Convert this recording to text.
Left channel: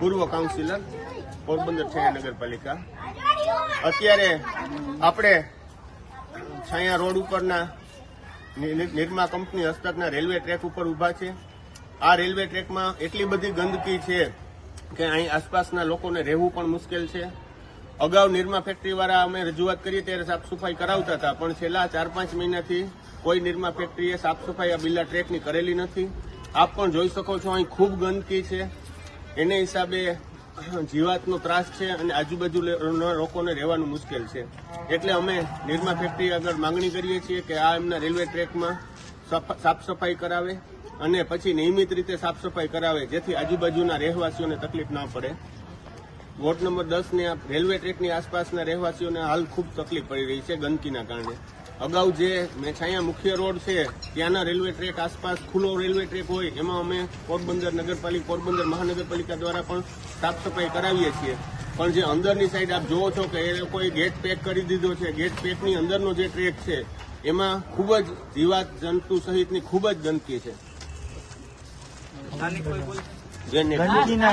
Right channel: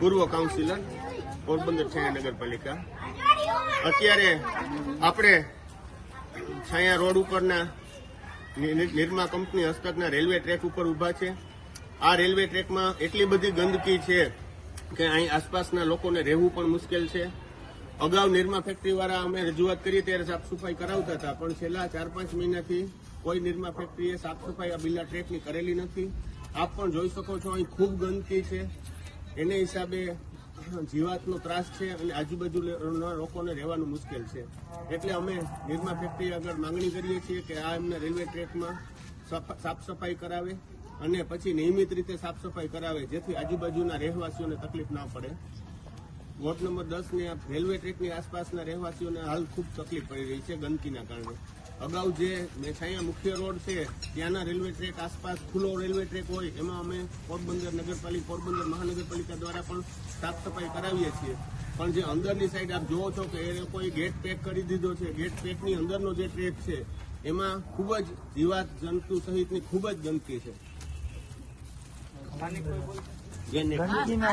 પૂર્વ કાઉન્સિલર, પોરબંદર છાયા નગરપાલિકા. અત્યારે આપણે છાયા રોડ ઉપરના નિરમા કંપની હસ્તકના રેલવે ટ્રેક ઉપર ઉભા છે. આ રેલવે ટ્રેકમાં એટલી બધી ગંદકી છે કે અહીં આસપાસના લોકોને રહેવું પણ મુશ્કેલ છે. અગાઉ નિરમા ફેક્ટરીવાળા અમે રજૂઆત કરી ત્યારે સાફ સફાઈ કરાવતા હતા, પણ છેલ્લા 4-5 મહિનાથી કોઈ નિરમા ફેક્ટરીએ સાફ સફાઈ આ બિલ્લા ટ્રેકની કરેલી નથી. આપ પણ જોઈ શકો છો અહીં ખૂબ ગંદકી છે. એને હિસાબે જીવાતનો ત્રાસ છે અને આજુબાજુના લોકોને રહેવાનું મુશ્કેલ છે. એટલે અમે નિરમા ફેક્ટરી આગળ માંગણી કરીએ છીએ કે આ એમના રેલવે ટ્રેકમાં સાફ સફાઈ કરાવે અને પછી નિયમિત રીતે સાફ સફાઈ કરાવે, જેથી આજુબાજુના રહેવાસીઓને તકલીફ ના પડે. વોર્ડ નંબર 10ની આ રેલવે ટ્રેકની આસપાસના રહેવાસીઓને હાલ ખૂબ તકલીફ પડી રહી છે ગંદકીના કારણે. અગાઉ જે છાયા મુખ્ય રોડ છે ત્યાંના રેલવે ટ્રેક આસપાસ ખુલ્લો રેલવે ટ્રેક હોય એમાં અમે પોરબંદર નગરપાલિકા, પોરબંદર મહાનગરપાલિકા દ્વારા પણ સાફ સફાઈ કરાવીએ છીએ. પણ જે અંદરની સાઈડ આપ જોવો છો કે એ લોકોએ ગેટ પેક કરી દીધો છે. ગેટ પેકની અંદરનો જે ટ્રેક છે એમાં ખૂબ જ જીવાત જંતુ સહિતની ખૂબ જ ગંદકી છે.